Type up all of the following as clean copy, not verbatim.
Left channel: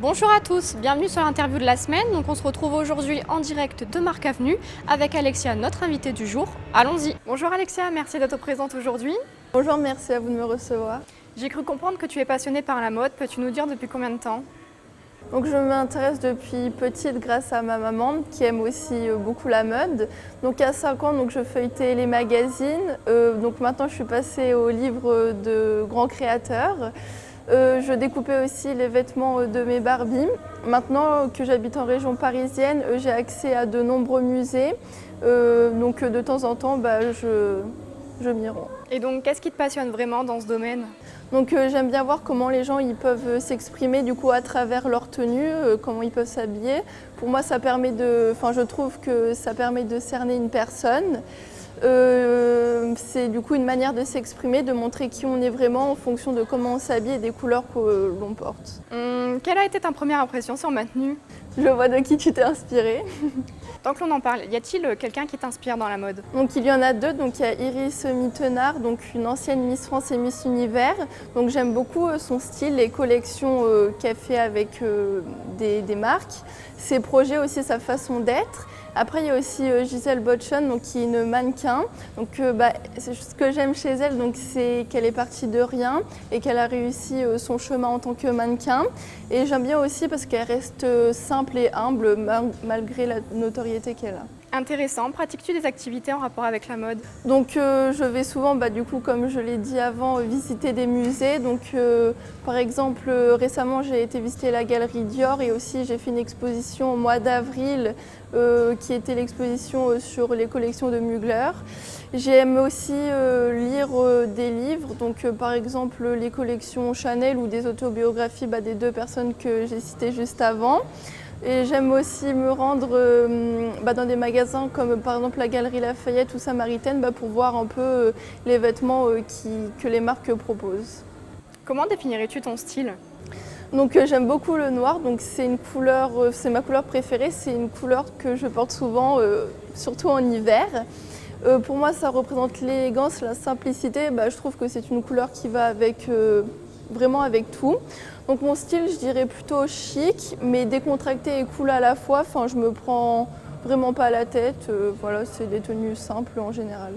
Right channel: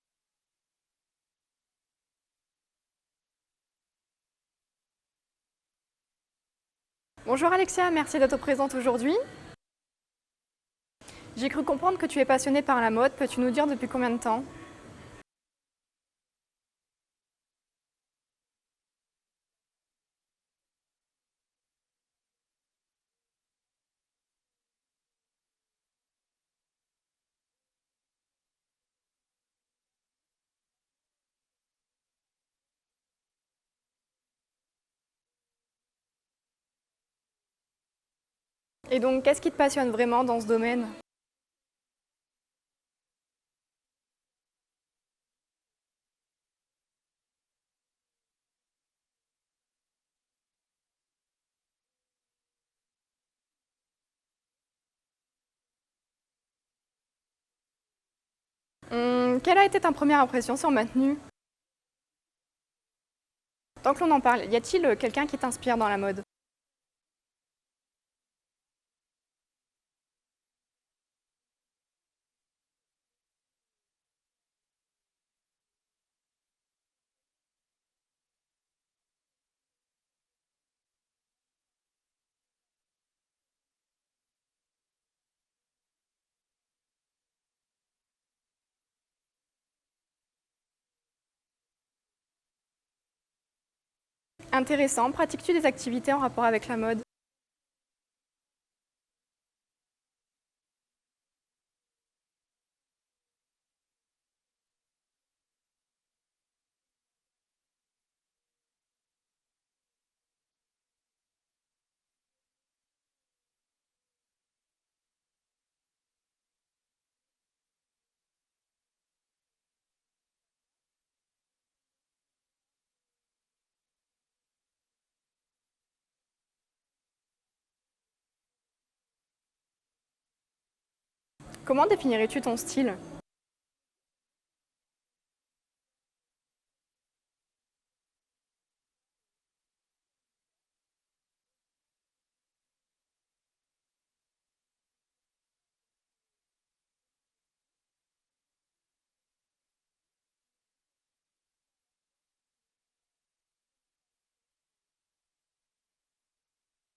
Bonjour à tous, bienvenue sur l'interview de la semaine. Donc on se retrouve aujourd'hui en direct de Marc Avenue avec Alexia, notre invitée du jour. Allons-y. Bonjour Alexia, merci d'être présente aujourd'hui. Bonjour, merci à vous de me recevoir. J'ai cru comprendre que tu es passionnée par la mode. Peux-tu nous dire depuis combien de temps? Donc je m'intéresse depuis petite grâce à ma maman qui aime aussi beaucoup la mode. Donc à 5 ans, je feuilletais les magazines. Donc maintenant je suis passée aux livres de grands créateurs. Je découpais aussi les vêtements de mes Barbies. Maintenant que j'habite en région parisienne, j'ai accès à de nombreux musées. Donc de temps en temps, je m'y rends. Et donc qu'est-ce qui te passionne vraiment dans ce domaine? Donc j'aime bien voir comment les gens ils peuvent s'exprimer du coup à travers leur tenue, comment ils peuvent s'habiller. Pour moi, je trouve que ça permet de cerner une personne. C'est du coup une manière de s'exprimer, de montrer qui on est vraiment en fonction de comment on s'habille et des couleurs que l'on porte. Quelle a été ta première impression sur ma tenue? Je vois de qui tu t'es inspirée. Tant que l'on en parle, y a-t-il quelqu'un qui t'inspire dans la mode? Donc il y en a deux, donc il y a Iris Mittenard, donc une ancienne Miss France et Miss Univers. Donc j'aime beaucoup son style, les collections qu'elle fait avec des marques, ses projets aussi, sa façon d'être. Après il y a aussi Gisèle Bochon, donc qui est une mannequin. Donc ce que j'aime chez elle, donc c'est qu'elle est partie de rien et qu'elle a réussi son chemin en tant que mannequin. Et j'aime bien aussi parce qu'elle reste simple et humble malgré la notoriété qu'elle a. Intéressant. Pratiques-tu des activités en rapport avec la mode? Donc je vais souvent, du coup, comme je l'ai dit avant, visiter des musées. Donc par exemple, récemment j'ai été visiter la galerie Dior et aussi j'ai fait une exposition au mois d'avril qui était l'exposition sur les collections de Mugler. J'aime aussi lire des livres, donc par exemple les collections Chanel ou des autobiographies des deux personnes que j'ai citées juste avant. Et j'aime aussi me rendre dans des magasins comme par exemple la Galerie Lafayette ou Samaritaine pour voir un peu les vêtements que les marques proposent. Comment définirais-tu ton style? Donc j'aime beaucoup le noir, donc c'est une couleur, c'est ma couleur préférée, c'est une couleur que je porte souvent, surtout en hiver. Pour moi ça représente l'élégance, la simplicité, je trouve que c'est une couleur qui va avec, vraiment avec tout. Donc mon style, je dirais plutôt chic, mais décontracté et cool à la fois. Enfin, je me prends vraiment pas la tête. Voilà, c'est des tenues simples en général.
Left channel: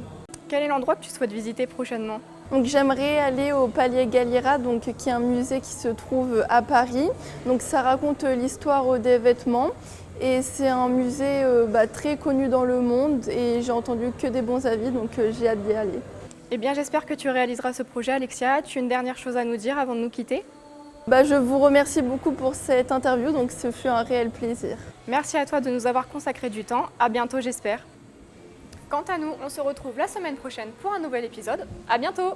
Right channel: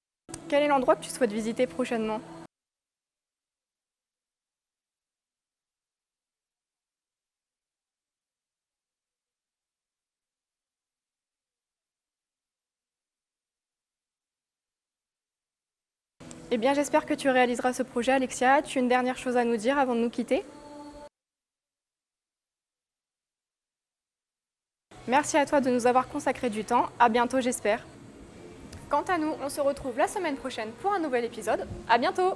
Quel est l'endroit que tu souhaites visiter prochainement? Donc j'aimerais aller au Palais Galliera, qui est un musée qui se trouve à Paris. Donc ça raconte l'histoire des vêtements. Et c'est un musée très connu dans le monde et j'ai entendu que des bons avis, donc j'ai hâte d'y aller. Eh bien, j'espère que tu réaliseras ce projet, Alexia. As-tu une dernière chose à nous dire avant de nous quitter? Je vous remercie beaucoup pour cette interview, donc ce fut un réel plaisir. Merci à toi de nous avoir consacré du temps. À bientôt, j'espère. Quant à nous, on se retrouve la semaine prochaine pour un nouvel épisode. À bientôt!